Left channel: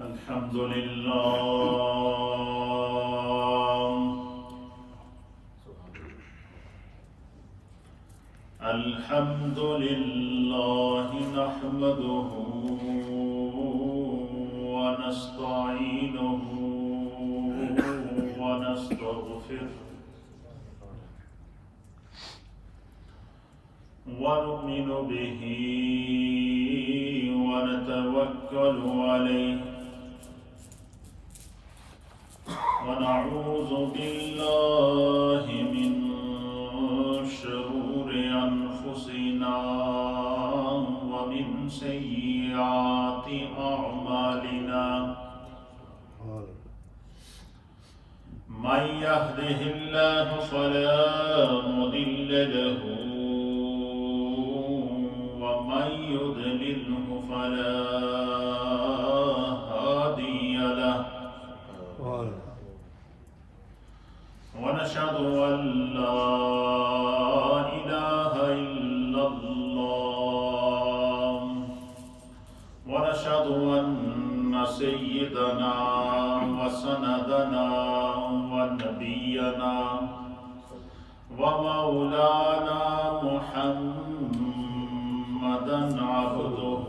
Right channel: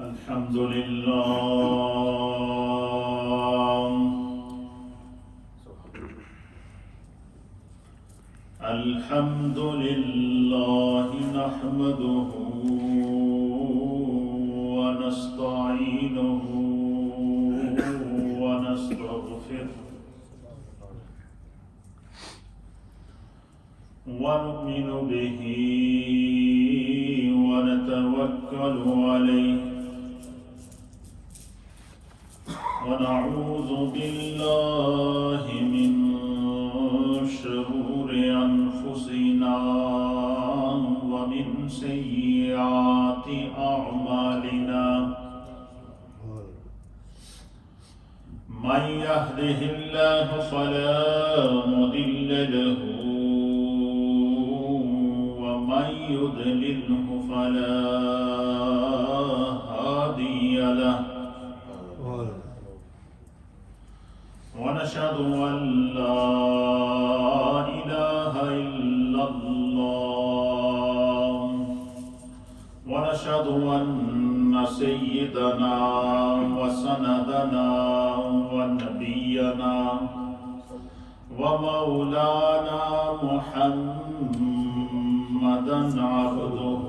الحمد لله الحمد لله نحمده ونستعينه ونستغفره ونؤمن به ونتوكل عليه ونعوذ بالله من شرور أنفسنا ومن سيئات أعمالنا من يهده الله فلا مضل له ومن يضلله فلا هادي له ونشهد أن لا إله إلا الله ونشهد أن سيدنا وسندنا ونبينا ومولانا محمدا عبده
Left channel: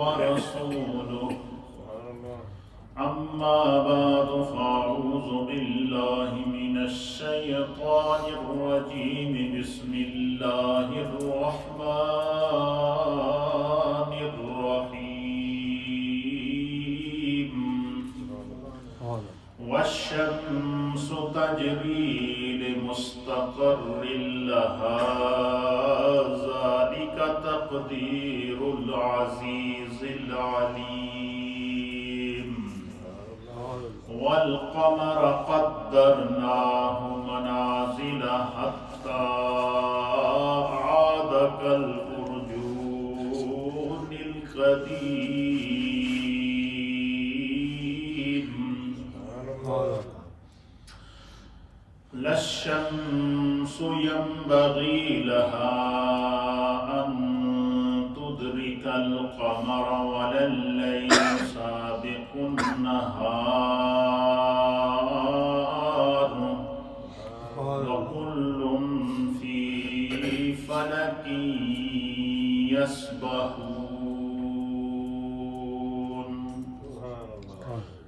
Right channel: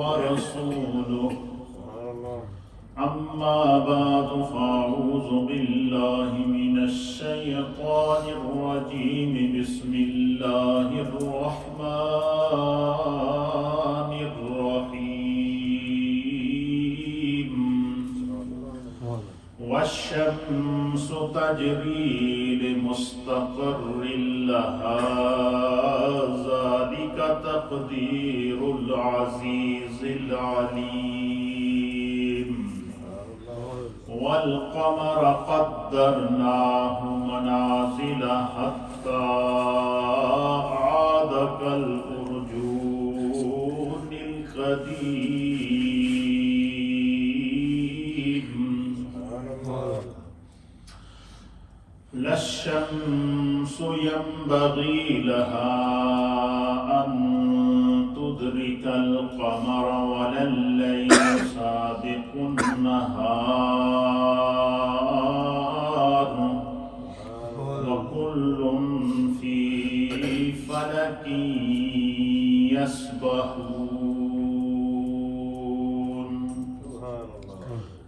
ورسوله أما بعد فأعوذ بالله من الشيطان الرجيم بسم الله الرحمن الرحيم والشمس تجري لمستقر لها ذلك تقدير العزيز العليم والقمر قدرناه منازل حتى عاد كالأرجون القديم لا الشمس ينبغي لها أن تدرك القمر ولا الليل سابق النهار وكل في فلك يسبحون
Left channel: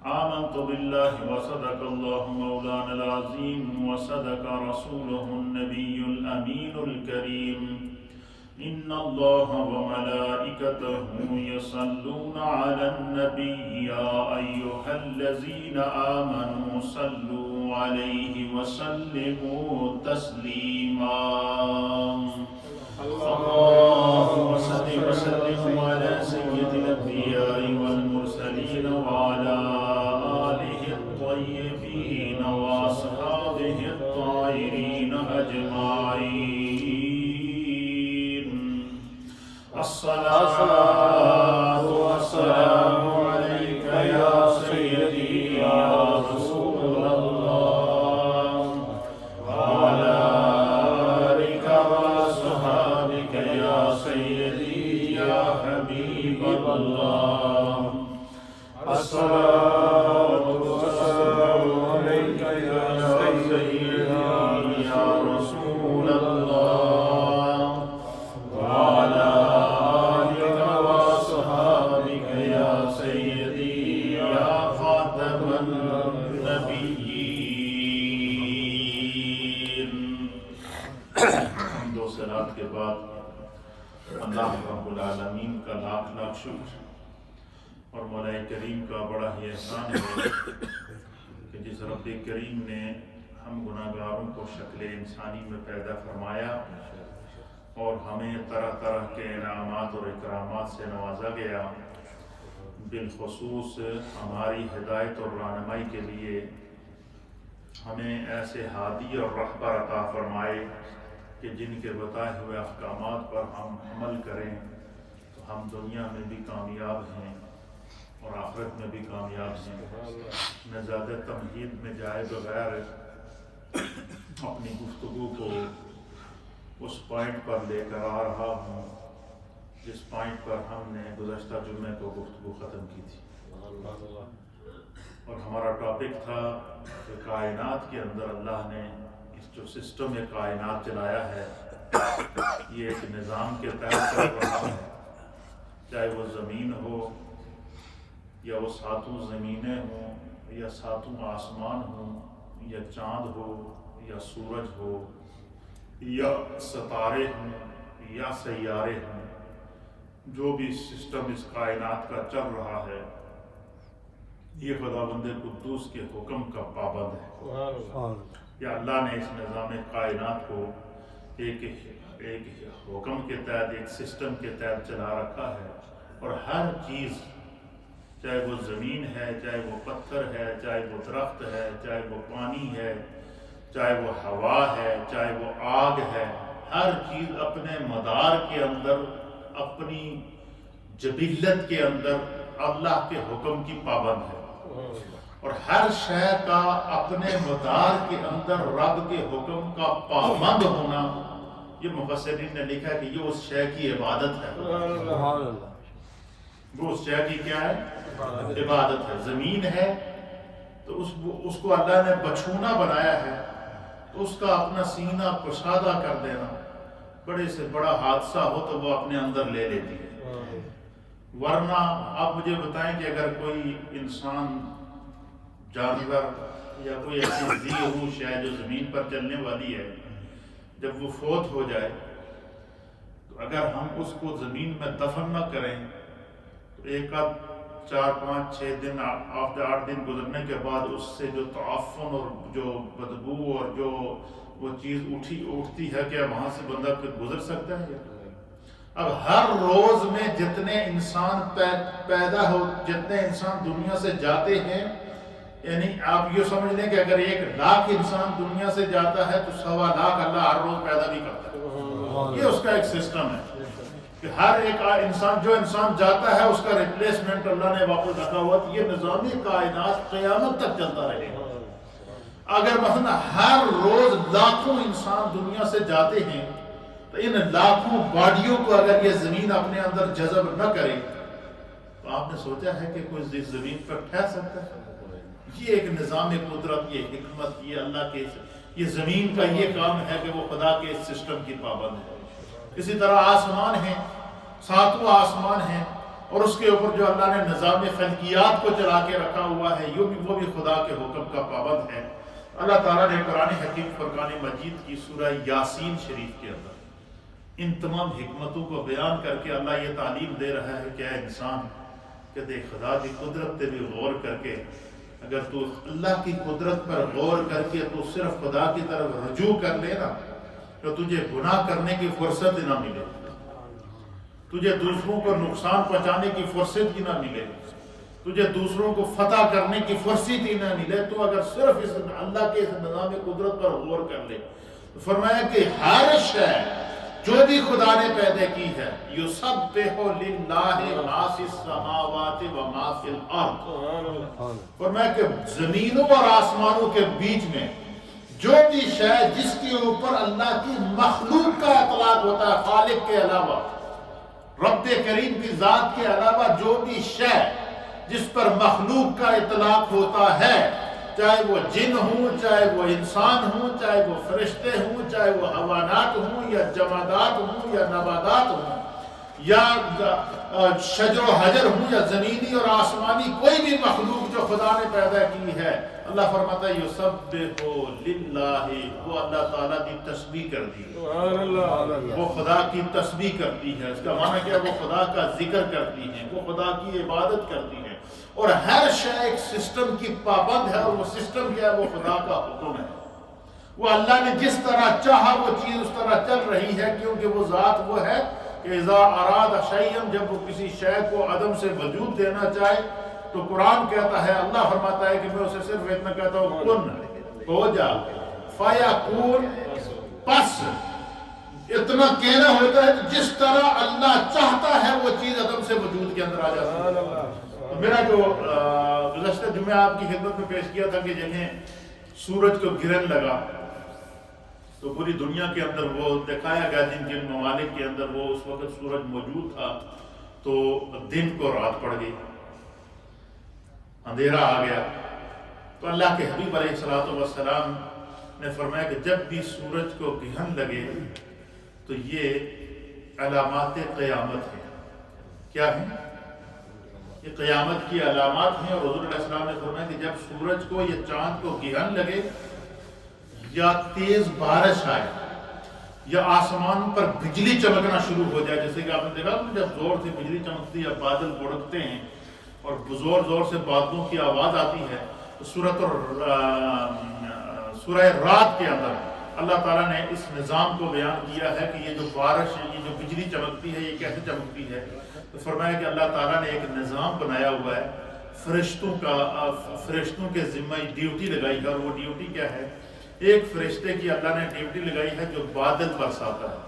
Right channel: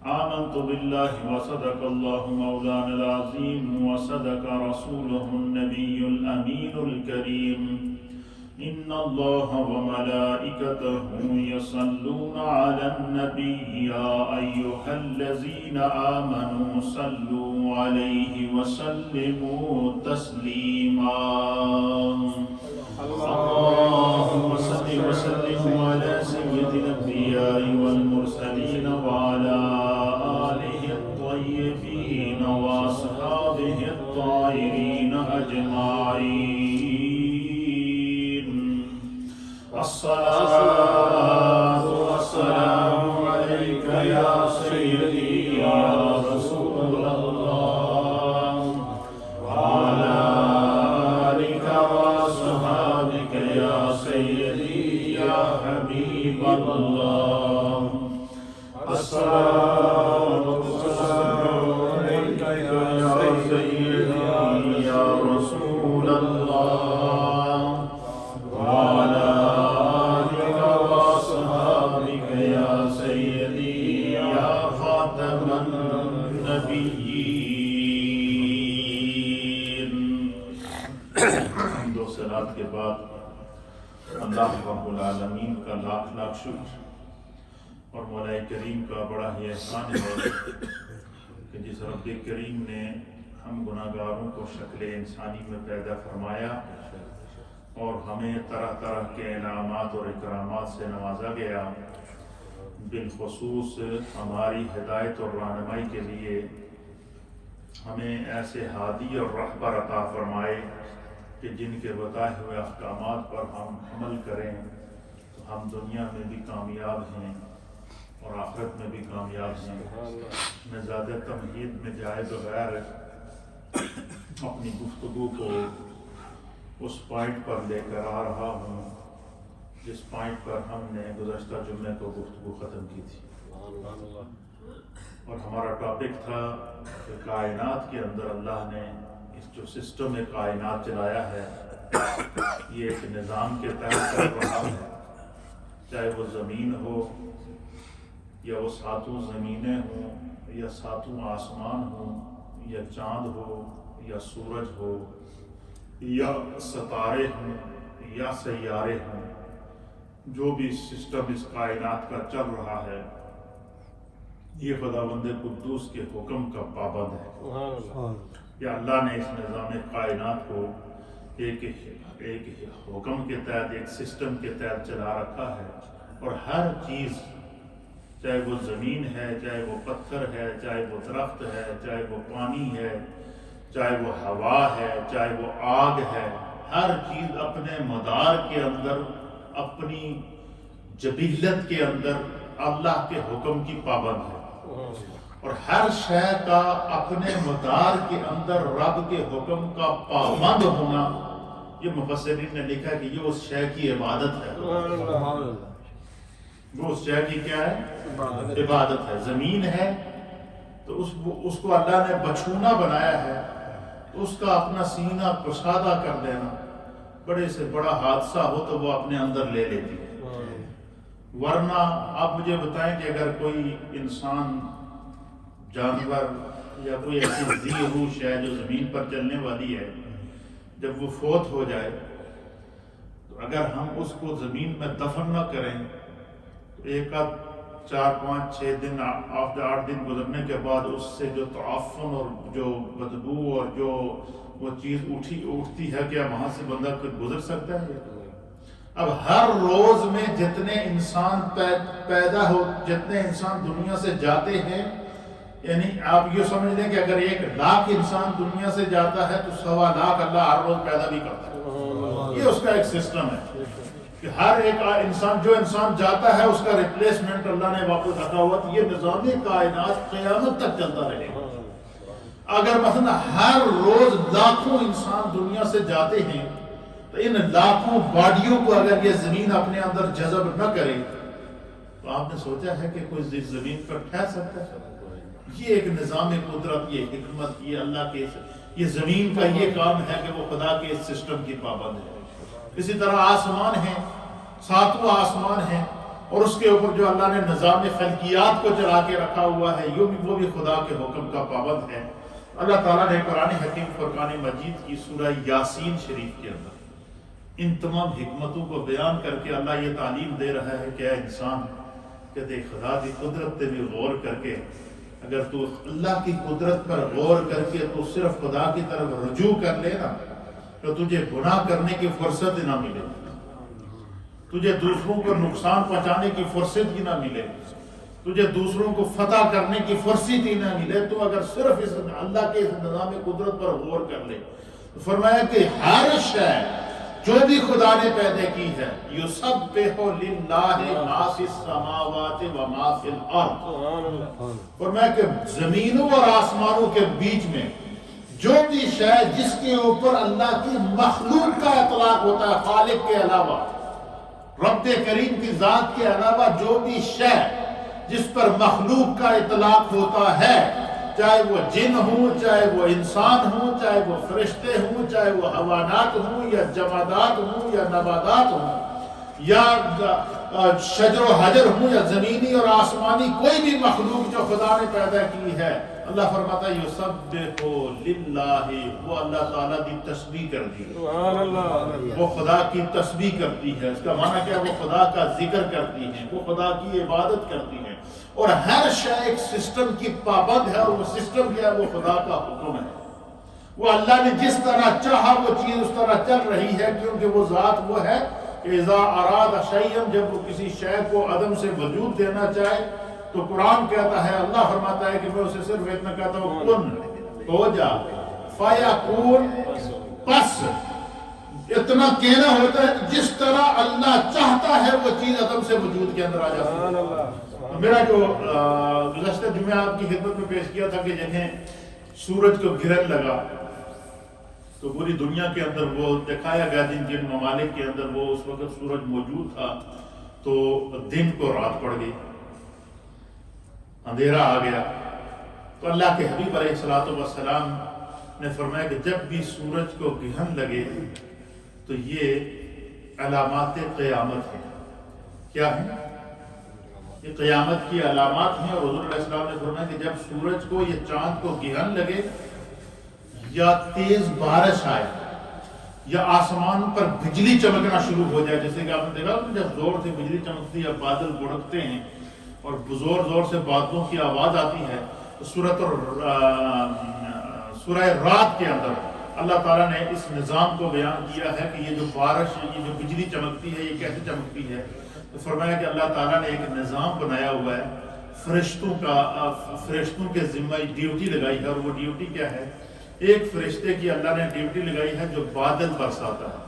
آمنت بالله وصدق الله مولانا العظيم وصدق رسوله النبي الأمين الكريم إن الله وملائكته يصلون على النبي يا أيها الذين آمنوا صلوا عليه وسلموا تسليما اللهم صل وسلم على سيد الأنبياء والمرسلين وعلى آله الطيبين وأصحابه الطاهرين أجمعين الصلاة والسلام عليك يا سيدي يا رسول الله وعلى آلك وأصحابك يا سيدي يا حبيب الله الصلاة والسلام عليك يا سيدي يا رسول الله وعلى آلك وأصحابك يا سيدي يا خاتم النبيين دو صلات کے بعد اللہ رب العالمین کا لاکھ لاکھ شکر اور مولا کریم کا بڑا ہی احسان ہے کہ جس رب کریم نے ہم گناہگاروں کو شکل انسانی میں پیدا فرمایا اور ہمیں طرح طرح کے انعامات اور اکرامات سے نوازا گیا، بالخصوص ہماری ہدایت اور رہنمائی کے لیے ہمیں ایسے ہادی اور رہبر عطا فرمائے کہ جن کے بتائے ہوئے احکامات پر ہم عمل کریں تو ہم دنیا میں بھی کامیاب ہیں اور آخرت میں بھی کامیاب ہیں۔ میں زیادہ تمہید میں جائے بغیر اپنی گفتگو کو اس پوائنٹ پر لے کر آ رہا ہوں جس پوائنٹ پر ہم نے گزشتہ جمعے کو گفتگو ختم کی تھی، اور ہمارا ٹاپک تھا کہ کائنات کے اندر اللہ نے اس جو سسٹم کائنات چلایا ہے یہ ایک نظام کے تحت چل رہا ہے، چاہے وہ زمین ہو یا وہ ساتوں زمینیں ہوں یا ساتوں آسمان ہوں یا چاند ہو یا سورج ہو یا ستارے ہوں یا سیارے ہوں، جو بھی سسٹم اس کائنات کا چل رہا ہے یہ خداوند قدوس کے حکم کا پابند ہے۔ یا اللہ نے اس نظام کائنات کو ایک حکم کے تحت، ایک سسٹم کے تحت چلا رکھا ہے، اور ہر چیز، چاہے وہ زمین ہے، چاہے وہ پتھر ہے، چاہے وہ درخت ہے، چاہے وہ پانی ہے، چاہے وہ ہوا ہے، چاہے وہ آگ ہے، ہر چیز اپنے مدار کے اندر، اپنی جبلت کے اندر اللہ کے حکم کی پابند ہے، اور ہر شے کا اپنے مدار کے اندر رب کے حکم کا پابند ہونا، یہ مفسرین نے لکھا کہ یہ اس شے کی عبادت ہے۔ وہ اس شے کی کیا ہے؟ عبادت ہے۔ زمین ہے تو اس کو اللہ نے بچھونا بنایا ہے، تو اس کا اپنا سینہ کشادہ کر دینا، بڑے سے بڑا حادثہ ہو تو وہ اپنے اندر لے لیتی ہے۔ ورنہ آپ مجھے بتائیں کہ اگر کوئی انسان، جانور یا کوئی ایسی ذی روح شے جو زمین پر چلنے والی ہے، جب وہ فوت ہو جائے تو اگر ہم اس کو زمین میں دفن نہ کریں تو ایک آدھ 4 5 6 دن 8 دن گزرنے کے بعد اس سے جو تعفن اور جو بدبو اور جو وہ چیز اٹھتی ہے، کیا وہاں سے بندہ گزر سکتا ہے؟ اب ہر روز میں جتنے انسان پیدا ہو، جتنے انسان دنیا سے جاتے ہیں، یعنی آپ یہ سمجھ لیں کہ اگر 1 لاکھ انسان دنیا سے جاتا ہے تو 1.25 لاکھ اللہ ہر روز پیدا بھی کرتا ہے۔ یہ اس کا ایک سسٹم ہے کہ ہر ایک انسان، جو انسان جاتا ہے اس کا ریپلیسمنٹ اللہ نے واپس رکھا ہوا، تو یہ نظام کائنات قیامت تک چلتا رہے گا۔ اگر مثلا ہر روز لاکھوں انسان دنیا سے جاتے ہیں تو ان لاکھوں باڈیوں کو اگر یہ زمین اپنے اندر جذب نہ کرے تو آپ نے سوچا ہے کہ کوئی زمین پر ٹھہر سکتا ہے؟ یہ ایک نظام قدرت، یہ حکمت، یہ اللہ کے، یہ زمین کا یہ کام ہے کہ وہ خدا کے سسٹم کی پابند ہے۔ اسی طرح آسمان ہیں، 7واں آسمان ہے، اور اس کے اوپر جو اللہ نے نظام فلکیات کو چلا کے رکھا ہوا ہے، وہ بھی خدا کے حکم کا پابند ہے۔ اللہ تعالیٰ نے قرآن حکیم فرقان مجید کی سورہ یاسین شریف کے اندر ان تمام حکمتوں کو بیان کر کے اللہ یہ تعلیم دے رہا ہے کہ اے انسان، کہ دیکھ خدا کی قدرت پہ بھی غور کر کے، اگر تو اللہ کی قدرت پر غور کر کے تو صرف خدا کی طرف رجوع کر لے نا، تو تجھے گناہ کرنے کی فرصت ہی نہ ملے، تجھے دوسروں کو نقصان پہنچانے کی فرصت ہی نہ ملے، تجھے دوسروں کو فتح کرنے کی فرصت ہی نہ ملے، تو اگر صرف اس اللہ کے اس نظام قدرت پر غور کر لے تو فرمایا کہ ہر شے جو بھی خدا نے پیدا کی ہے، یسبح للہ ما فی السماوات و ما فی الارض، فرمایا کہ زمینوں اور آسمانوں کے بیچ میں جو بھی شے جس کے اوپر اللہ کی مخلوق کا اطلاق ہوتا ہے، خالق کے علاوہ، رب کریم کی ذات کے علاوہ جو بھی شے جس پر مخلوق کا اطلاق ہوتا ہے، چاہے وہ جن ہوں، چاہے وہ انسان ہوں، چاہے وہ فرشتے ہوں، چاہے وہ حیوانات ہوں یا جمادات ہوں یا نباتات ہوں یا شجر و حجر ہوں یا زمینی اور آسمانی کوئی بھی مخلوق جو خدا نے پیدا کی ہے، اللہ فرماتا ہے یسبح للہ، وہ اللہ تعالیٰ کی تسبیح کرتی ہے، وہ خدا کی تسبیح کرتی ہے۔ اس کا معنی کیا؟ وہ خدا کا ذکر کرتی ہیں، وہ خدا کی عبادت کرتی ہیں، اور ہر شے ایک سسٹم کی پابند ہے، اور وہ سسٹم کیا ہے؟ وہ خدا کا حکم ہے۔ وہ اللہ نے جس طرح چاہا وہ چیز اس طرح چل رہی ہے، کیونکہ وہ ذات وہ ہے کہ اذا اراد شیئا، جب وہ کسی شے کو عدم سے وجود دینا چاہے تو قرآن کہتا ہے، اللہ فرماتا ہے کہ میں اسے صرف اتنا کہتا ہوں کن، ہو جا، فیکون، پس اتنا کہنا ہوتا ہے جس طرح اللہ چاہتا ہے وہ چیز عدم سے وجود کے اندر آ جاتی ہے۔ میرا جو گزشتہ جمعہ آپ کی خدمت میں پیش کیا تھا کہ جنہیں سورج کو گرہن لگا تو پوری دنیا کے اندر وہ دکھایا گیا جن جن ممالک کے اندر وہ اس وقت سورج موجود تھا تو دن کو رات پڑ گئی، اندھیرا آ گیا۔ تو اللہ کے حبیب علیہ الصلوۃ والسلام نے فرمایا کہ جب بھی سورج کو گرہن لگے تو یہ علامات قیامت ہیں۔ کیا ہیں؟ یہ قیامت کی علامات ہیں، اور حضور علیہ السلام نے فرمایا کہ جب سورج کو یا چاند کو گرہن لگے یا تیز بارش آئے یا آسمان پر بجلی چمکنا شروع ہو جائے، جیسے کہ آپ نے دیکھا جب زور سے بجلی چمکتی ہے، بادل گڑکتے ہیں اور زور زور سے بادلوں کی آواز آتی ہے، تو سورہ رات کے اندر اللہ تعالیٰ نے اس نظام کو بیان کیا ہے کہ یہ جو بارش، یہ جو بجلی چمکتی ہے یہ کیسے چمکتی ہے۔ تو فرمایا کہ اللہ تعالیٰ نے ایک نظام بنایا ہوا ہے، فرشتوں کے ذمہ ڈیوٹی لگائی ہے، اور وہ ڈیوٹی کیا ہے؟ ایک فرشتے کی اللہ نے ڈیوٹی لگائی ہے جو بادل برساتا ہے۔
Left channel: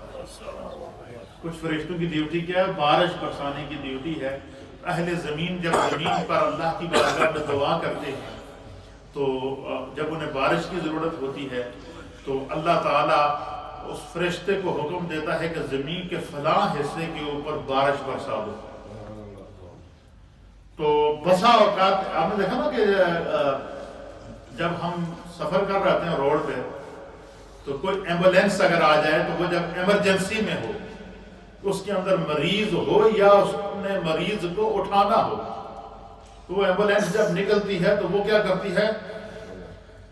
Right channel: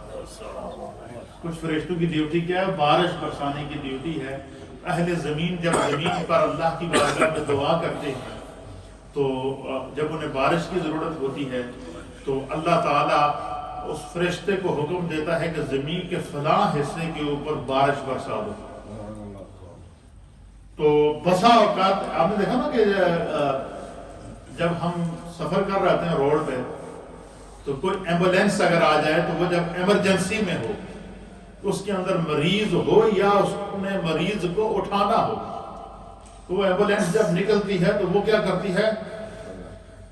کچھ فرشتوں کی ڈیوٹی کیا ہے؟ بارش برسانے کی ڈیوٹی ہے۔ اہل زمین جب زمین پر اللہ کی بارگاہ میں دعا کرتے ہیں تو جب انہیں بارش کی ضرورت ہوتی ہے تو اللہ تعالیٰ اس فرشتے کو حکم دیتا ہے کہ زمین کے فلاں حصے کے اوپر بارش برسا دو۔ تو بسا اوقات آپ نے دیکھا نا کہ جب ہم سفر کر رہے ہیں روڈ پہ تو کوئی ایمبولینس اگر آ جائے تو وہ جب ایمرجنسی میں ہو، اس کے اندر مریض ہو یا اس نے مریض کو اٹھانا ہو، تو وہ ایمبولینس جب نکلتی ہے تو وہ کیا کرتی ہے؟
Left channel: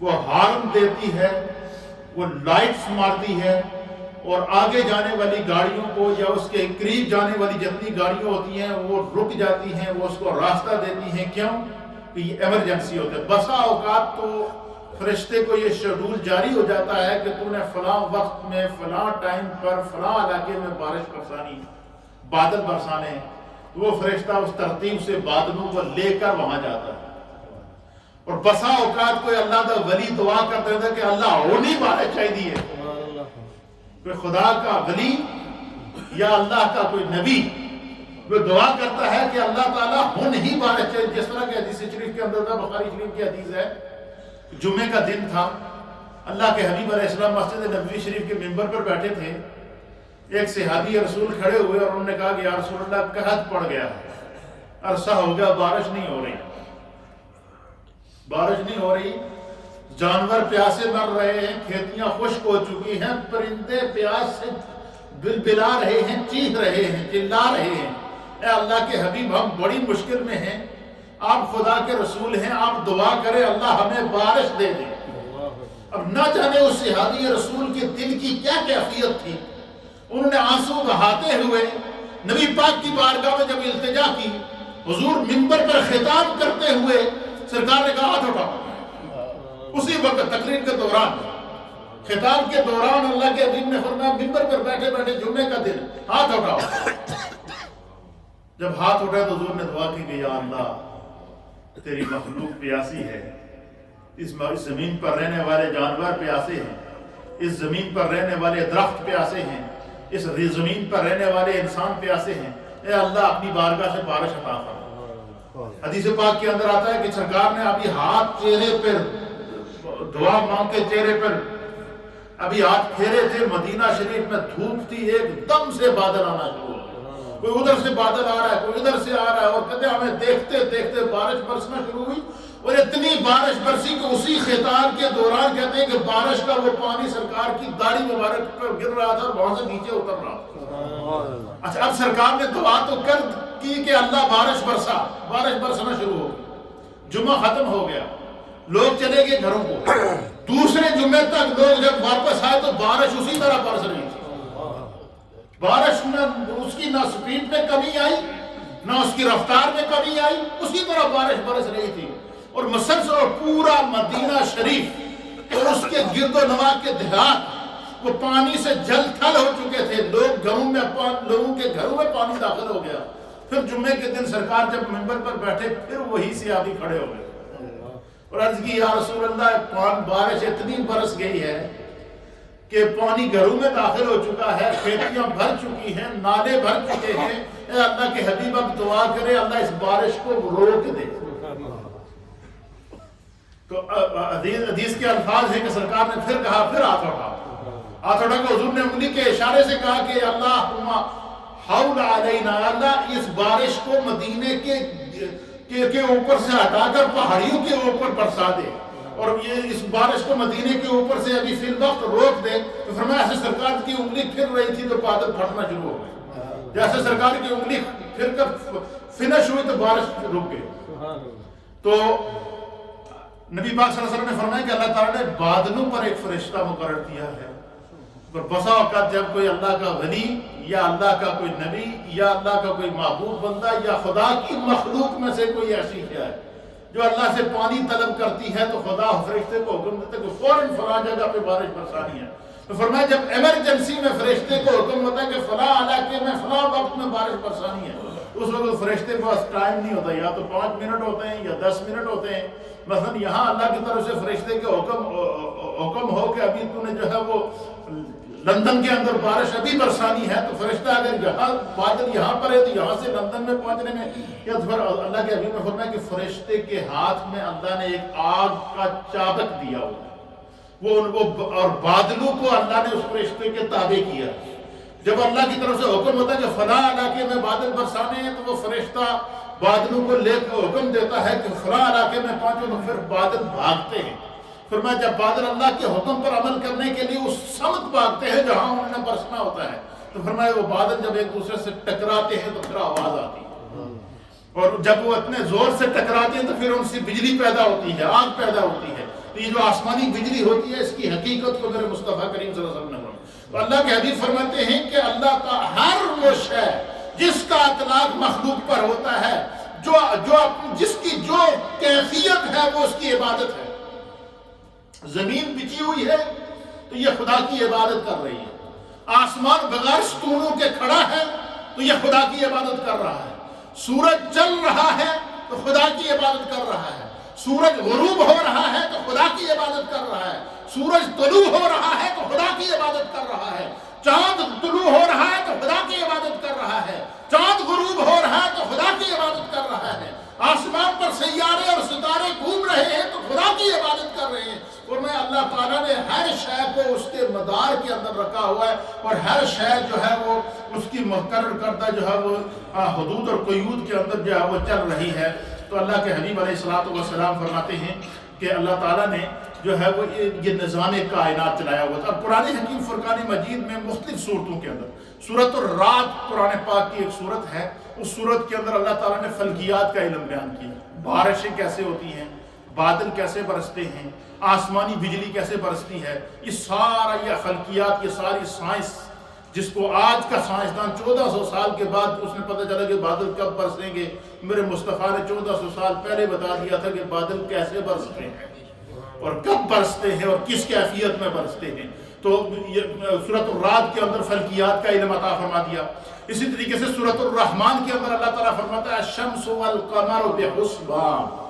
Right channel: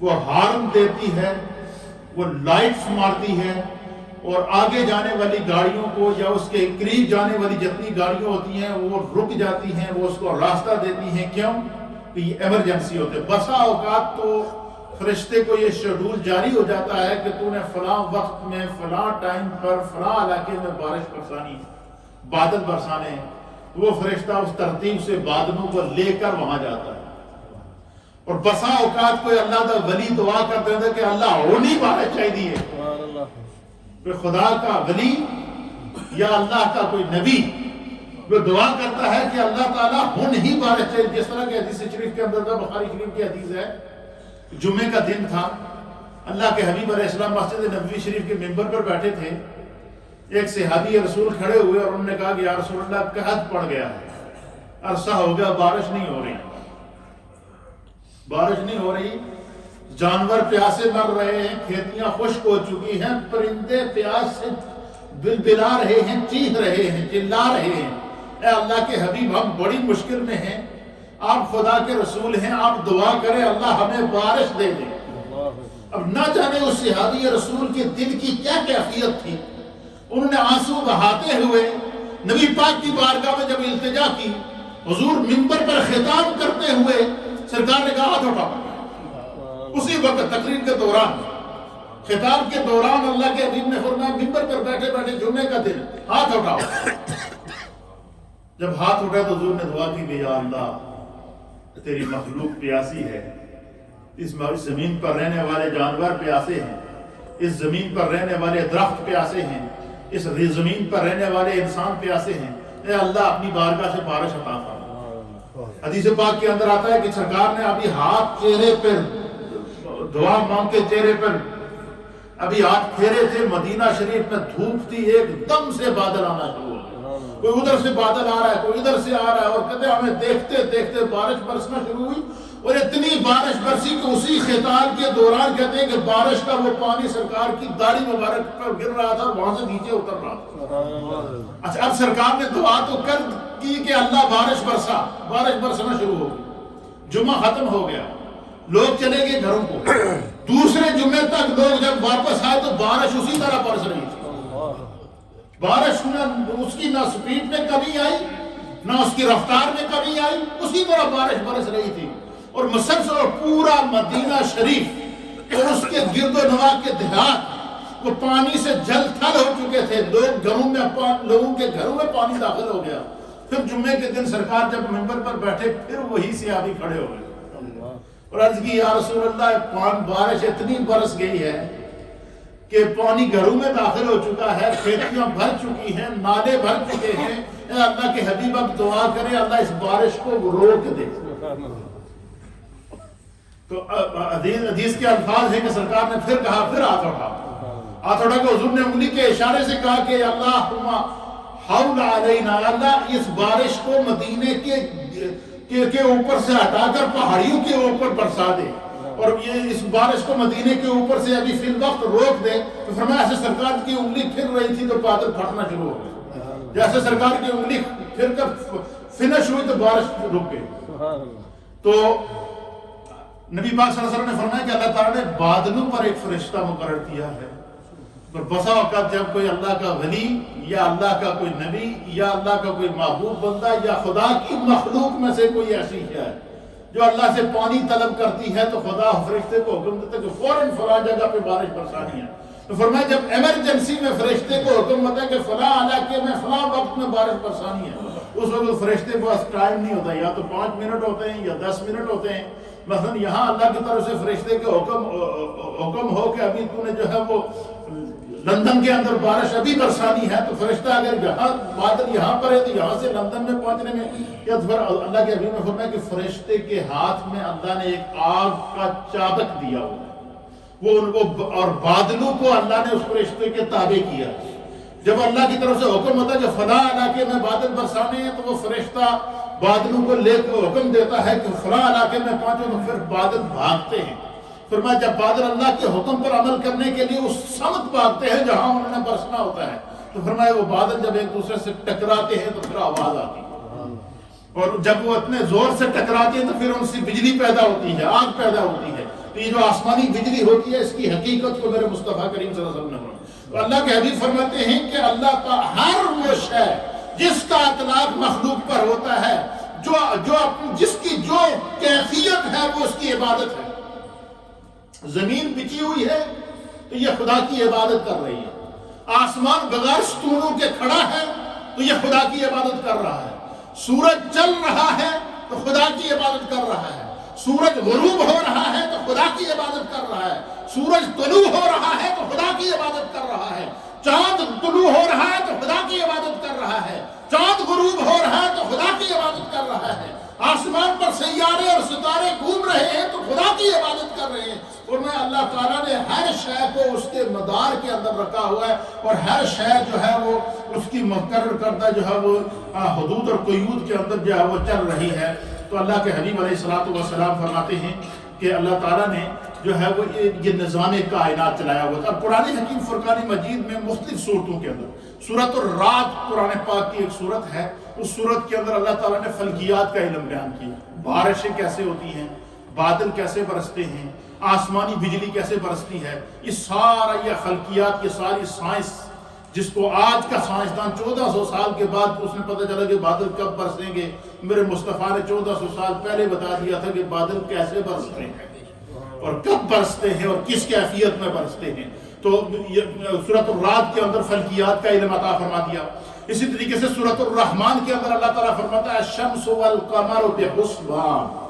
وہ ہارن دیتی ہے، وہ لائٹس مارتی ہے، اور آگے جانے والی گاڑیوں کو یا اس کے قریب جانے والی جتنی گاڑیاں ہوتی ہیں وہ رک جاتی ہیں، وہ اس کو راستہ دیتی ہیں۔ کیوں؟ کہ یہ ایمرجنسی ہوتے ہیں۔ بسا اوقات تو فرشتے کو یہ شیڈول جاری ہو جاتا ہے کہ تو نے فلاں وقت میں فلاں ٹائم پر فلاں علاقے میں بارش برسانی ہے، بادل برسانے ہیں، تو وہ فرشتہ اس ترتیب سے بادلوں کو لے کر وہاں جاتا ہے۔ اور بسا اوقات کوئی اللہ کا ولی دعا کرتے تھے کہ اللہ ہونی بارش چاہیے، کوئی خدا کا ولی یا اللہ کا کوئی نبی وہ دعا کرتا ہے کہ اللہ تعالیٰ ہون ہی بارش چاہیے۔ جس طرح کہ حدیث شریف کے اندر تھا، بخاری شریف کی حدیث ہے، جمعے کا دن تھا، اللہ کے حبیب علیہ السلام مسجد نبوی شریف کے ممبر پر بیٹھے تھے، ایک صحابی رسول کھڑے ہوئے اور انہوں نے کہا کہ یا رسول اللہ قحط پڑ گیا، عرصہ ہو گیا بارش نہیں ہو رہی، بارش نہیں ہو رہی، جانور پیاسے مر رہے ہیں، کھیتیاں خشک ہو چکی ہیں، پرندے پیاس سے بلبلا رہے ہیں، چیخ رہے ہیں، چلا رہے ہیں، اے اللہ کے حبیب ہم بڑی مشکل میں ہیں، آپ خدا کے رسول ہیں، آپ دعا کریں اللہ ہمیں بارش دے دے۔ اب نہ جانے اس صحابی رسول کے دل کی کیا کیفیت تھی، انہوں نے آنسو بہاتے ہوئے نبی پاک کی بارگاہ میں جب التجا کی، حضور منبر پر خطاب کرتے ہوئے سرکار نے کہا ہاتھ اٹھاؤ۔ اسی وقت تقریر کے دوران، خطاب کے دوران اللہ کے حبیب نے فرمایا منبر پر بیٹھے بیٹھے جمعے کا دن ہاتھ اٹھاؤ۔ جب ہاتھ اٹھائے تو حضور نے دعا کی کہ یا اللہ تیری مخلوق پیاسی ہے، اس زمین پر رہنے والے جانور پیاسے ہیں، اس زمین پر رہنے والے درخت پیاسے ہیں، اس زمین پر رہنے والے انسان پیاسے ہیں، اے اللہ اپنی بارگاہ سے بارش عطا فرما۔ حدیث پاک کے اندر آتا ہے کہ سرکار نے ابھی ہاتھ چہرے پر دعا مانگ کے چہرے پر ابھی ہاتھ پھیرے تھے، مدینہ شریف میں دھوپ تھی، ایک دم سے بادل آنا شروع ہو گیا، کوئی ادھر سے بادل آ رہا ہے، کوئی ادھر سے آ رہا ہے، اور کہتے ہمیں دیکھتے دیکھتے بارش برسنا شروع ہوئی، اور اتنی بارش برسی کہ اسی خطاب کے دوران کہتے ہیں کہ بارش کا وہ پانی سرکار کی داڑھی مبارک پر گر رہا تھا اور وہاں سے نیچے اتر رہا تھا۔ اچھا اب سرکار نے دعا تو کر کی کہ اللہ بارش برسا، بارش برسنا شروع ہو گئی، جمعہ ختم ہو گیا، لوگ چلے گئے گھروں کو، دوسرے جمعے تک لوگ جب واپس آئے تو بارش اسی طرح برس رہی تھی، بارش میں اس کی نہ سپیڈ میں کمی آئی نہ اس کی رفتار میں کمی آئی، اسی طرح بارش برس رہی تھی، اور مسلسل اور پورا مدینہ شریف اور اس کے گرد و نواح کے دیہات وہ پانی سے جل تھل ہو چکے تھے، لوگوں کے گھروں میں پانی داخل ہو گیا۔ پھر جمعے کے دن سرکار جب منبر پر بیٹھے پھر وہی صحابی کھڑے ہو گئے اور عرض کی یا رسول اللہ بارش اتنی برس گئی ہے کہ پانی گھروں میں داخل ہو چکا ہے، کھیتیاں بھر چکی ہیں، نالے بھر چکے ہیں، اے اللہ کے حبیب اب دعا کرے اللہ اس بارش کو روک دے۔ تو حدیث کے الفاظ ہیں کہ سرکار نے پھر کہا پھر ہاتھ اٹھا، آتھوڑا کے حضور نے انگلی کے اشارے سے کہا کہ اللہم حول علینا، اللہ اس بارش کو مدینے کے اوپر سے ہٹا کر پہاڑیوں کے اوپر برسا دے، اور یہ اس بارش کو مدینے کے اوپر سے ابھی فی الوقت روک دے۔ تو فرمایا ایسے سرکار کی انگلی پھر رہی تھی تو بادل پھٹنا شروع ہو گئے، جیسے سرکار کی انگلی پھر کر فنش ہوئی تو بارش رک گئی۔ تو نبی پاک صلی اللہ علیہ وسلم نے فرمایا کہ اللہ تعالیٰ نے بادلوں پر ایک فرشتہ مقرر کیا ہے، پر بسا اوقات جب کوئی اللہ کا ولی یا اللہ کا کوئی نبی یا اللہ کا کوئی محبوب بندہ یا خدا کی مخلوق میں سے کوئی ایسی ہے جو اللہ سے پانی طلب کرتی ہے، تو خدا فرشتے کو حکم دیتا ہے کہ فوراً فلاں جگہ پہ بارش برسانی ہے۔ تو فرمایا جب ایمرجنسی میں فرشتے کو حکم ہوتا ہے کہ فلاں علاقے میں فلاں وقت میں بارش برسانی ہے، اس وقت فرشتے کے پاس ٹائم نہیں ہوتا، یا تو 5 منٹ ہوتے ہیں یا 10 منٹ ہوتے ہیں۔ مثلا یہاں اللہ کی طرف سے فرشتے کے حکم ہو کہ ابھی تو نے جو ہے وہ لندن کے اندر بارش ابھی برسانی ہے، تو فرشتہ اگر یہاں بادل یہاں پر ہے تو یہاں سے لندن میں پہنچنے میں یا پھر اللہ کے حبیب نے فرمایا کہ فرشتے کے ہاتھ میں اللہ نے ایک آگ کا چابک دیا ہوا ہے، وہ اور بادلوں کو اللہ نے اس فرشتے کے تابع کیا۔ جب اللہ کی طرف سے حکم ہوتا ہے کہ فلاں علاقے میں بادل برسانے ہیں، تو وہ فرشتہ بادلوں کو لے کے حکم دیتا ہے کہ فلاں علاقے میں پہنچو، تو پھر بادل بھاگتے ہیں۔ فرمایا جب بادل اللہ کے حکم پر عمل کرنے کے لیے اس سمت بھاگتے ہیں جہاں انہوں نے برسنا ہوتا ہے، تو فرمایا وہ بادل جب ایک دوسرے سے ٹکراتے ہیں تو پھر آواز آتی ہے، اور جب وہ اتنے زور سے ٹکراتے ہیں تو پھر ان سے بجلی پیدا ہوتی ہے، آگ پیدا ہوتی ہے۔ تو یہ جو آسمانی بجلی ہوتی ہے، اس کی حقیقت کو میرے مصطفیٰ کریم صلی اللہ علیہ وسلم نے فرمایا۔ تو اللہ کے حبیب فرماتے ہیں کہ اللہ کا ہر وہ شے جس کا اطلاق مخلوق پر ہوتا ہے، جس کی جو کیفیت ہے وہ اس کی عبادت ہے۔ زمین بچھی ہوئی ہے تو یہ خدا کی عبادت کر رہی ہے، آسمان بغیر ستونوں کے کھڑا ہے تو یہ خدا کی عبادت کر رہا ہے، سورج چل رہا ہے تو خدا کی عبادت کر رہا ہے، سورج غروب ہو رہا ہے تو خدا کی عبادت کر رہا ہے، سورج طلوع ہو رہا ہے تو خدا کی عبادت کر رہا ہے، چاند طلوع ہو رہا ہے تو خدا کی عبادت کر رہا ہے، چاند غروب ہو رہا ہے تو خدا کی عبادت کر رہا ہے، آسمان پر سیارے اور ستارے گھوم رہے ہیں تو خدا کی عبادت کر رہے ہیں۔ اور میں اللہ تعالیٰ نے ہر شے کو اس کے مدار کے اندر رکھا ہوا ہے، اور ہر شے جو ہے وہ اس کی مقرر کردہ جو ہے وہ حدود اور قیود کے اندر جو ہے وہ چل رہی ہے۔ تو اللہ کے حبیب علیہ الصلوۃ والسلام فرماتے ہیں کہ اللہ تعالیٰ نے جو ہے وہ یہ نظام کائنات چلایا ہوا تھا۔ قرآن حکیم فرقان مجید میں مختلف صورتوں کے اندر سورۃ الرعد قرآن پاک کی ایک صورت ہے، اس صورت کے اندر اللہ تعالیٰ نے فلکیات کا علم بیان کیا، بارشیں کیسے ہوتی ہیں، بادل کیسے برستے ہیں، آسمانی بجلی کیسے برستی ہے، یہ سارا یہ فلکیات، یہ ساری سائنس جس کو آج کا سائنسدان 1400 سال کے بعد اس نے پتہ چلا کہ بادل کب برسیں گے، میرے مصطفیٰ نے 1400 سال پہلے بتا دیا تھا کہ بادل کیسے برستے ہیں اور کب برستے ہیں اور کس کیفیت میں برستے ہیں۔ تو سورۃ الرعد کے اندر فلکیات کا علم عطا فرما دیا۔ اسی طریقے سے سورۃ الرحمن کے اندر اللہ تعالیٰ فرماتا ہے الشمس والقمر بحسبان،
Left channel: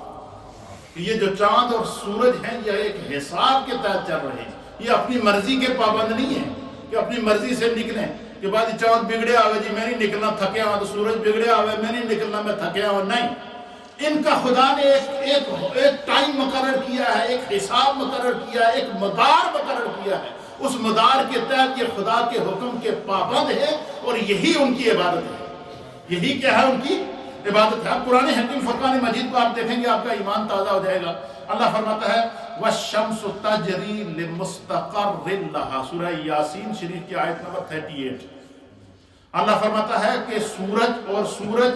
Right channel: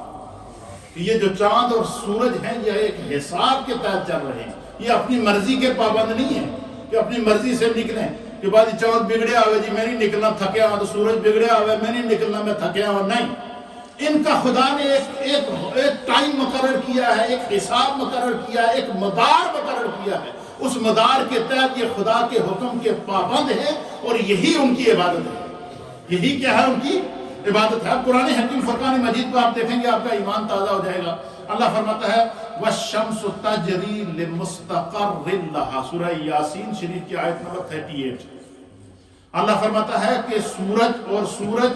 یہ جو چاند اور سورج ہیں یہ ایک حساب کے تحت چل رہے ہیں، یہ اپنی مرضی کے پابند نہیں ہیں کہ اپنی مرضی سے نکلیں کہ بعد چاند بگڑیا ہوئے جی میں نہیں نکلنا تھکیا ہوں، تو سورج بگڑیا ہوئے میں نہیں نکلنا میں تھکیا ہوں، نہیں، ان کا خدا نے ایک ٹائم مقرر کیا ہے، ایک حساب مقرر کیا ہے، ایک مدار مقرر کیا ہے، اس مدار کے تحت یہ خدا کے حکم کے پابند ہے اور یہی ان کی عبادت ہے، یہی کیا ہے ان کی عبادت ہے۔ اب قرآن حکیم فرقان مجید کو آپ دیکھیں گے آپ کا ایمان تازہ ہو جائے گا۔ اللہ فرماتا ہے وَالشَّمْسُ تَجْرِي لِمُسْتَقَرٍّ لَهَا، سورہ یاسین شریف کی آیت نمبر 38۔ اللہ فرماتا ہے کہ سورج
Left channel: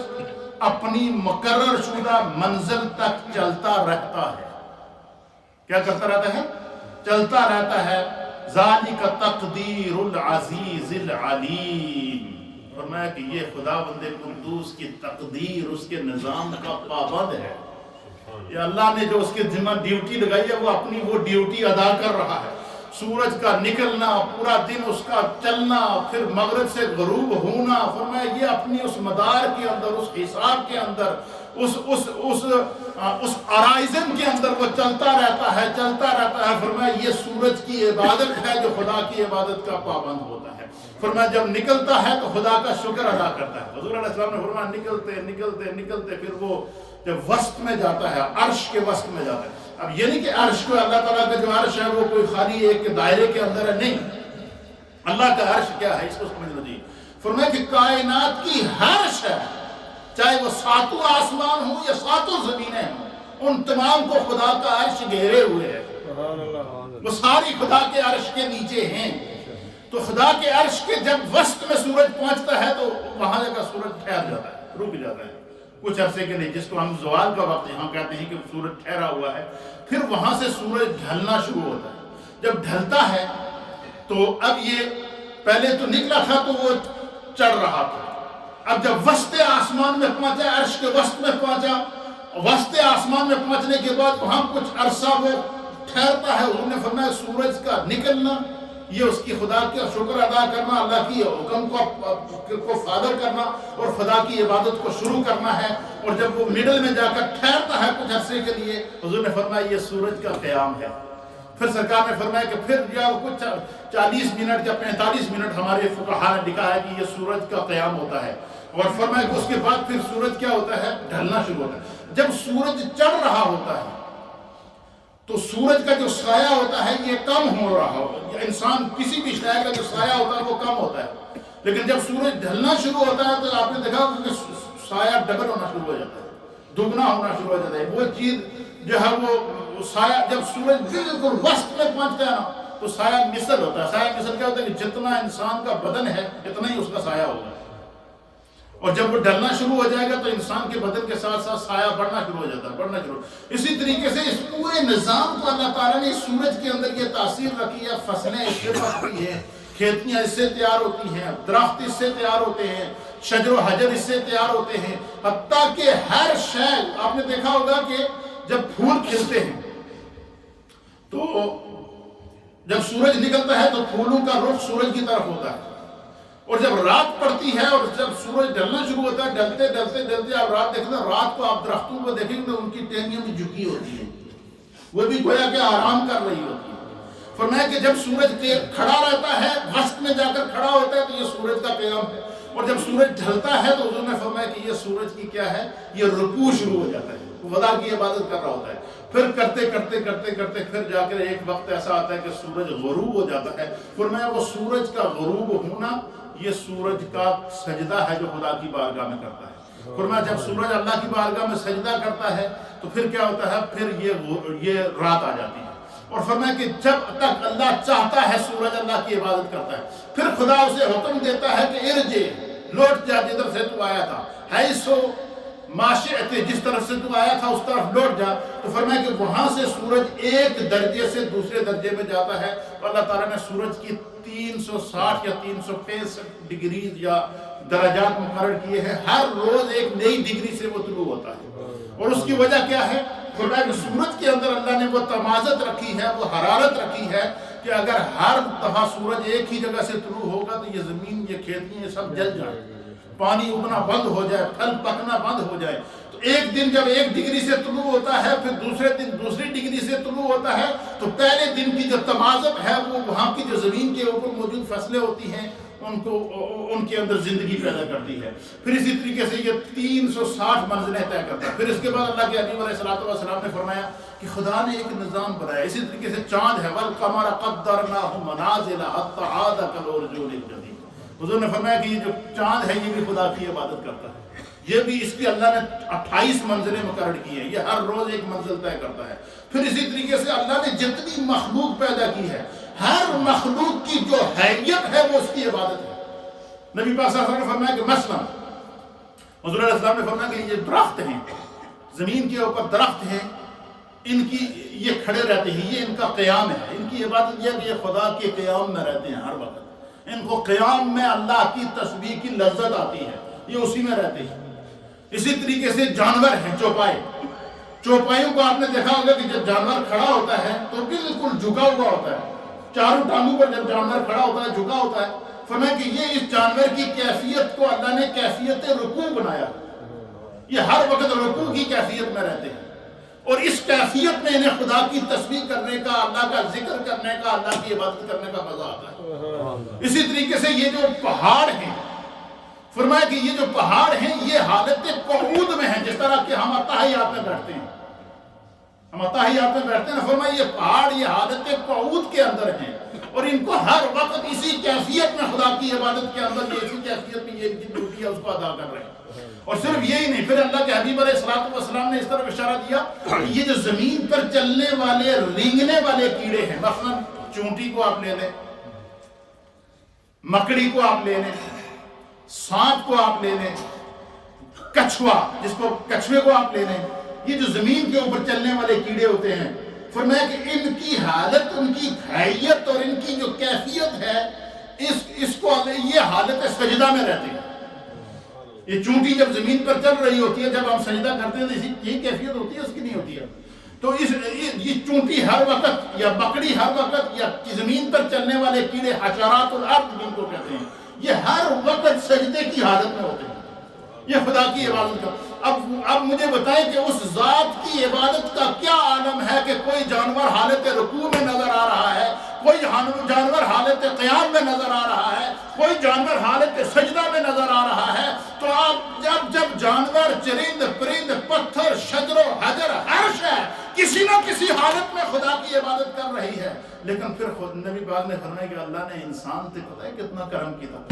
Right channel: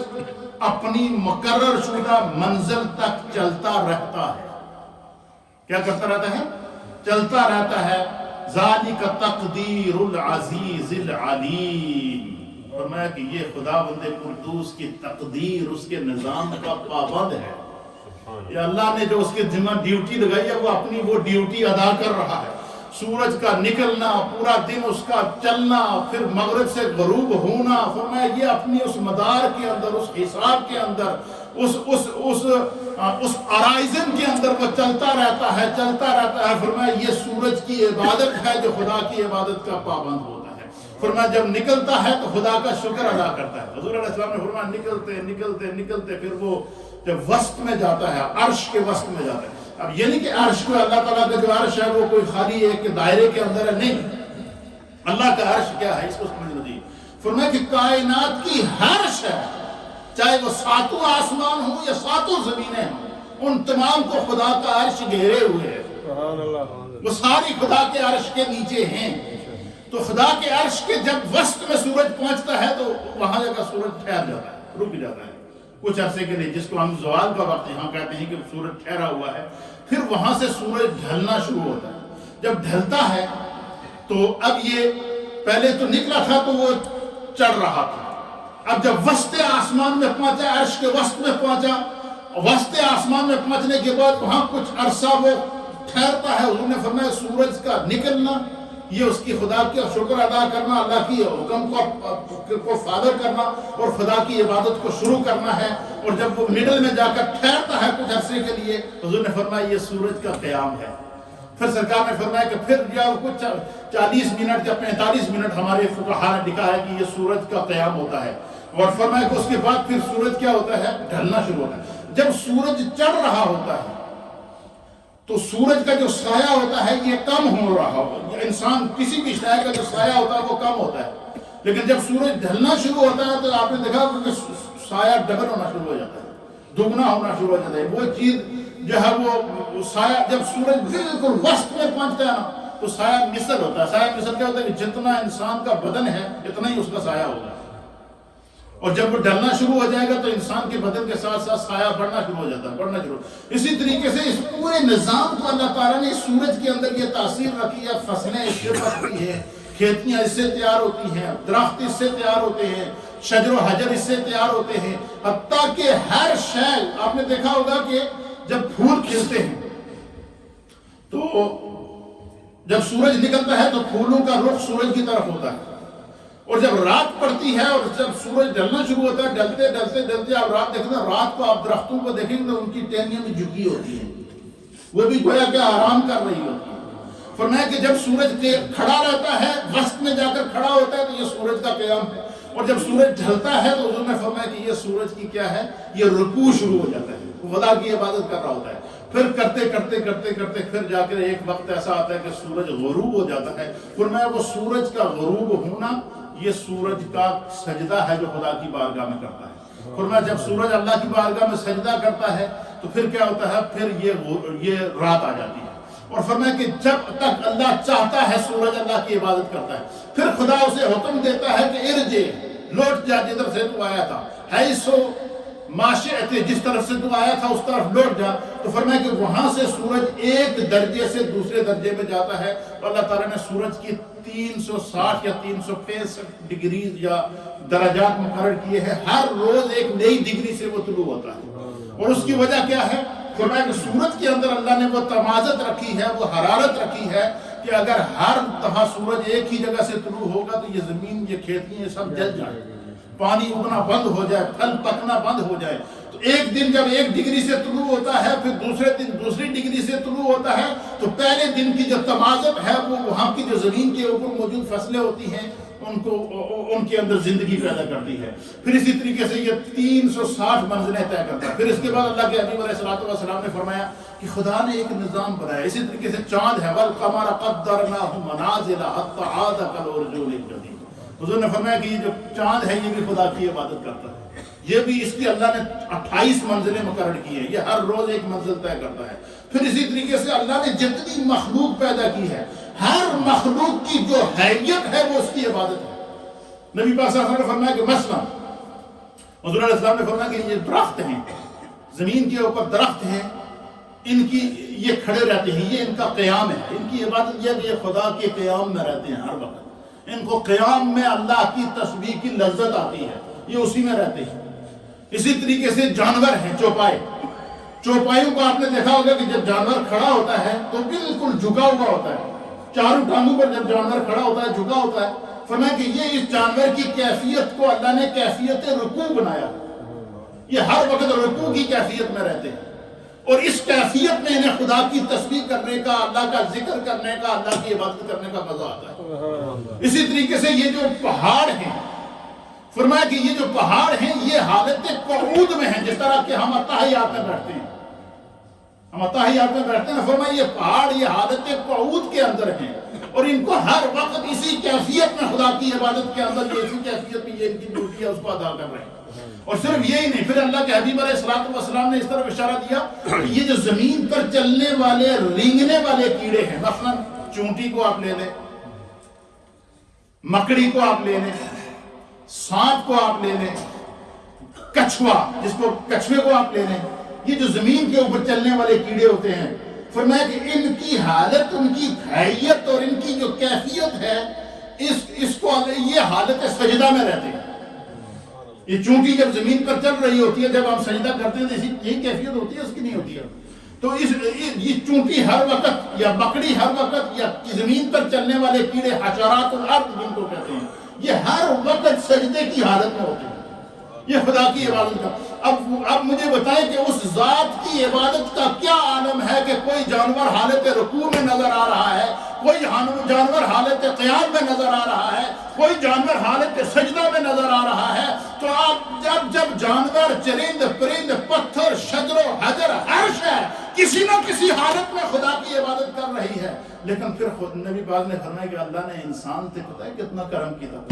اپنی مقرر شدہ منزل تک چلتا رہتا ہے۔ کیا کرتا رہتا ہے؟ چلتا رہتا ہے۔ ذَلِكَ تَقْدِيرُ الْعَزِيزِ الْعَلِيمِ، فرمایا کہ یہ خدا بند قدوس کی تقدیر، اس کے نظام کا پابند ہے۔ یہ اللہ نے جو اس کے ذمہ ڈیوٹی لگائی ہے وہ اپنی وہ ڈیوٹی ادا کر رہا ہے۔ سورج کا نکلنا، پورا دن اس کا چلنا، پھر مغرب سے غروب ہونا، فرمایا یہ اپنی اس مدار کے اندر، اس حساب کے اندر، اس آرائزن کے اندر وہ چلتا رہتا ہے، چلتا رہتا ہے۔ فرمایا یہ سورج کی عبادت ہے جو خدا کی عبادت کا پابند ہوتا ہے۔ فرمایا جب نکلتا ہے تو خدا کا شکر ادا کرتا ہے۔ حضور علیہ السلام نے فرمایا نکلتے پھر وہ جب وسط میں جاتا ہے، عرش کے وسط میں جاتا ہے۔ اب یہ نہیں کہ عرش کو اللہ تعالیٰ کا جو عرش ہے وہ کوئی خالی ایک دائرے کے اندر ہے، نہیں، اللہ کا عرش کیا ہے اس کو سمجھ لو جی. فرمایا کہ کائنات کی ہر شے، چاہے وہ ساتوں آسمان ہوں یا ساتوں زمینیں ہوں، ان تمام کو خدا کا عرش گھیرے ہوئے ہے. وہ ساری خدا کے عرش کے نیچے ہیں. تو خدا کے عرش کے جب وسط میں سورج پہنچتا ہے تو وہاں جا کر سورج ٹھہر جاتا ہے، رک جاتا ہے کچھ عرصے کے لیے، جس کو ہم زوال کا وقت یہاں کہتے ہیں کہ سورج ٹھہرا ہوا ہے. پھر وہاں سے سورج ڈھلنا شروع ہوتا ہے. جب ڈھلتا ہے تو اب یہ پہلے تو نکلا تھا تو وہ چڑھ رہا تھا. اب جب وسط آسمان میں پہنچا، عرش کے وسط میں پہنچا، وسط آسمان میں پہنچنے کے بعد وہاں کچھ عرصہ وہ ٹھہرتا ہے. حضور نے فرمایا سورج کا نکلنا یہ اس کی خدا کا شکر ادا کرنا، اللہ کی حکم کو فالو کرنا اور خدا کی عبادت کو شروع کرنا ہے. اور جب وہ مڈل میں جا کر ٹھہرتا ہے کچھ عرصے کے لیے، حضور نے فرمایا یہ سورج کا قیام ہے. پھر سرکار نے فرمایا کہ پھر جب کچھ 40 منٹ یا 45 منٹ ہمارے فقہاء نے لکھا ہے کہ یہ سورج کا قیام ہوتا ہے. اور فرمایا کہ اس کے بعد پھر سورج کیا ہوتا ہے؟ ڈھلنا شروع ہوتا ہے. جب سورج چڑھ رہا ہوتا ہے تو سورج کا جو سایہ ہوتا ہے یہ کم ہو رہا ہوگا. انسان کسی بھی شے کا جو سایہ ہوتا ہے وہ کم ہوتا ہے. لیکن جب سورج ڈھلنا شروع ہوتا ہے تو آپ نے دیکھا کہ سایہ ڈبل ہونا شروع ہو جاتا ہے، دگنا ہونا شروع ہو جاتا ہے. وہ چیز جو ہے وہ سایہ جب سورج بالکل وسط میں پہنچتا ہے نا تو سایہ مثل ہوتا ہے. سایہ مثل کیا ہوتا ہے کہ جتنا انسان کا بدن ہے اتنا ہی اس کا سایہ ہوگا. اور جب وہ ڈھلنا شروع ہو جائے گا تو انسان کے بدن کے ساتھ ساتھ سایہ بڑھنا شروع ہو جاتا ہے، بڑھنا شروع. اسی طریقے سے اس پورے نظام کو اللہ تعالیٰ نے سورج کے اندر یہ تاثیر رکھی ہے. فصلیں اس سے پکتی ہیں، کھیتیاں اس سے تیار ہوتی ہیں، درخت اس سے تیار ہوتے ہیں، شجر و حجر اس سے تیار ہوتے ہیں. حتیٰ کہ ہر شے آپ نے دیکھا ہوگا کہ جب پھول کھلتے ہیں تو جب سورج نکلتا ہے تو پھولوں کا رخ سورج کی طرف ہوتا ہے. اور جب رات پڑتی ہے اور جب سورج ڈھلنا شروع ہوتا ہے، ڈھلتے ڈھلتے ڈھلتے آپ رات دیکھتے ہیں، رات کو آپ درختوں کو دیکھیں گے ان کی ٹہنیاں بھی جھکی ہوتی ہیں، وہ بھی گویا کہ آرام کر رہی ہوتی ہے. فرمایا کہ جب سورج کھڑا رہتا ہے، وسط میں جا کر کھڑا ہوتا ہے تو یہ سورج کا قیام ہے. اور جب سورج ڈھلتا ہے تو حضور نے فرمایا کہ یہ سورج کی کیا ہے؟ یہ رکوع شروع ہو جاتا ہے، وہ خدا کی عبادت کر رہا ہوتا ہے. پھر کرتے کرتے کرتے کرتے پھر جا کر ایک وقت ایسا آتا ہے کہ سورج غروب ہو جاتا ہے. فرمایا وہ سورج کا غروب ہونا یہ سورج کا سجدہ ہے جو خدا کی بارگاہ میں کرتا ہے. فرمایا جب سورج اللہ کی بارگاہ میں سجدہ کرتا ہے تو پھر کیا ہوتا ہے؟ پھر یہ رات آ جاتی ہے. اور فرمایا کہ جب تک اللہ چاہتا ہے سورج اللہ کی عبادت کرتا ہے. پھر خدا اسے حکم دیتا ہے کہ ارجع، لوٹ جا جدھر سے تو آیا تھا، حیث ماشئت، جس طرف سے تو آیا تھا اس طرف لوٹ جا. تو فرمایا کہ وہاں سے سورج ایک درجے سے دوسرے درجے میں جاتا ہے. تو اللہ تعالیٰ نے سورج کی 360 یا 365 ڈگریز یا درجات مقرر کیے ہیں. ہر روز ایک نئی ڈگری سے وہ طلوع ہوتا ہے. اور اس کی وجہ کیا ہے؟ فرمایا کہ سورج کے اندر اللہ نے وہ تمازت رکھی ہے، وہ حرارت رکھی ہے کہ اگر ہر دفعہ سورج ایک ہی جگہ سے طلوع ہوگا تو یہ زمین، یہ کھیتیاں، یہ سب جل جائیں، پانی اگنا بند ہو جائے، پھل پکنا بند ہو جائے. تو ایک دن جب 1 ڈگری سے طلوع ہوتا ہے، پھر دوسرے دن دوسری ڈگری سے طلوع ہوتا ہے، تو پہلے دن کی جو تمازت ہے وہ وہاں کی جو زمین کے اوپر موجود فصلیں ہوتی ہیں ان کے اندر زندگی پیدا کرتی ہے. پھر اسی طریقے سے یہ 360 منزلیں طے کرتا ہے. پھر اس کے بعد اللہ کے حبیب علیہ السلام نے فرمایا کہ خدا نے ایک نظام بنایا. اسی طریقے سے چاند ہے، وَالْقَمَرَ قَدَّرْنَاهُ مَنَازِلَ حَتَّىٰ عَادَ كَالْعُرْجُونِ الْقَدِيمِ. حضور نے فرمایا کہ یہ جو چاند ہے یہ بھی خدا کی عبادت کرتا ہے. یہ بھی اس کی اللہ نے 28 منزلیں مقرر کی ہیں، یہ ہر روز ایک منزل طے کرتا ہے. پھر اسی طریقے سے اللہ نے جتنی مخلوق پیدا کی ہے، ہر مخلوق کی جو حیثیت ہے وہ اس کی عبادت ہے. نبی پاک صلی اللہ علیہ وسلم نے فرمایا کہ مثلا حضور علیہ السلام نے فرمایا کہ یہ درخت ہیں، زمین کے اوپر درخت ہیں، ان کی یہ کھڑے رہتے ہیں، یہ ان کا قیام ہے. ان کی عبادت یہ ہے کہ یہ خدا کے قیام میں رہتے ہیں ہر وقت. ان کو قیام میں اللہ کی تسبیح کی لذت آتی ہے، یہ اسی میں رہتے ہیں. اسی طریقے سے جانور ہیں، چوپائے. چوپائیوں کو آپ نے دیکھا ہوگا کہ جب جانور کھڑا ہوتا ہے تو بالکل جھکا ہوا ہوتا ہے، چاروں ٹانگوں پر جب جانور کھڑا ہوتا ہے جھکا ہوتا ہے. فرمایا کہ یہ اس جانور کی کیفیت کو اللہ نے کیفیت رکوع بنایا. یہ ہر وقت رکوع کی کیفیت میں رہتے ہیں اور اس کیفیت میں انہیں خدا کی تسبیح کرنے کا، اللہ کا ذکر کرنے کا، اللہ کی عبادت کرنے کا مزہ آتا ہے. اسی طریقے سے یہ جو پہاڑ ہیں، فرمایا کہ یہ جو پہاڑ ہیں یہ حالت قعود میں ہیں، جس طرح کہ ہم اتحیات میں بیٹھتے ہیں، ہم اتحیات میں بیٹھتے ہیں. فرمایا یہ پہاڑ یہ حالت قعود کے اندر ہیں. اور ان کو ہر وقت اسی کیفیت میں خدا کی عبادت کے اندر یہ اسی کیفیت میں یہ ان کی ڈیوٹی ہے اس کو ادا کر رہے ہیں. اور صرف یہی نہیں، پھر اللہ کے حبیب علیہ الصلوۃ والسلام نے اس طرح اشارہ دیا کہ یہ جو زمین پر چلنے والے رینگنے والے کیڑے ہیں، مثلا چونٹی کو آپ لے لیں، مکڑی کو آپ لے لیں، سانپ کو آپ لے لیں، کچھوا کچھوے کو آپ لے لیں، یہ جو زمین کے اوپر چلنے والے کیڑے ہوتے ہیں، فرمایا کہ ان کی حالت، ان کی حیت اور ان کی جو کیفیت ہے، اس کو یہ حالت سجدہ میں رہتے ہیں. یہ چونٹی جب زمین پر چل رہی ہوتی ہے، جب ہم سجدہ کرتے ہیں تو یہی کیفیت ہوتی ہے، اس کی نہیں ہوتی ہے. تو یہ چونٹی ہر وقت یا مکڑی ہر وقت یا زمین پر چلنے والے کیڑے حشرات الارض جن کو کہتے ہیں، یہ ہر وقت سجدے کی حالت میں ہوتے ہیں. یہ خدا کی عبادت کا. اب مجھے بتائیں کہ اس ذات کی عبادت کا کیا عالم ہے کہ کوئی جانور حالت رکوع میں نظر آ رہا ہے، کوئی جانور حالت قیام میں نظر آ رہا ہے، کوئی جانور حالت سجدہ میں نظر آ رہا ہے. تو آپ جب جانور، چرند، پرند، پتھر، شجر و حجر، ہر شے کسی نہ کسی حالت میں خدا کی عبادت کر رہی ہے. لیکن پھر خود نبی پاک نے فرمایا کہ اللہ نے انسان سے پتہ ہے کتنا کرم کیا.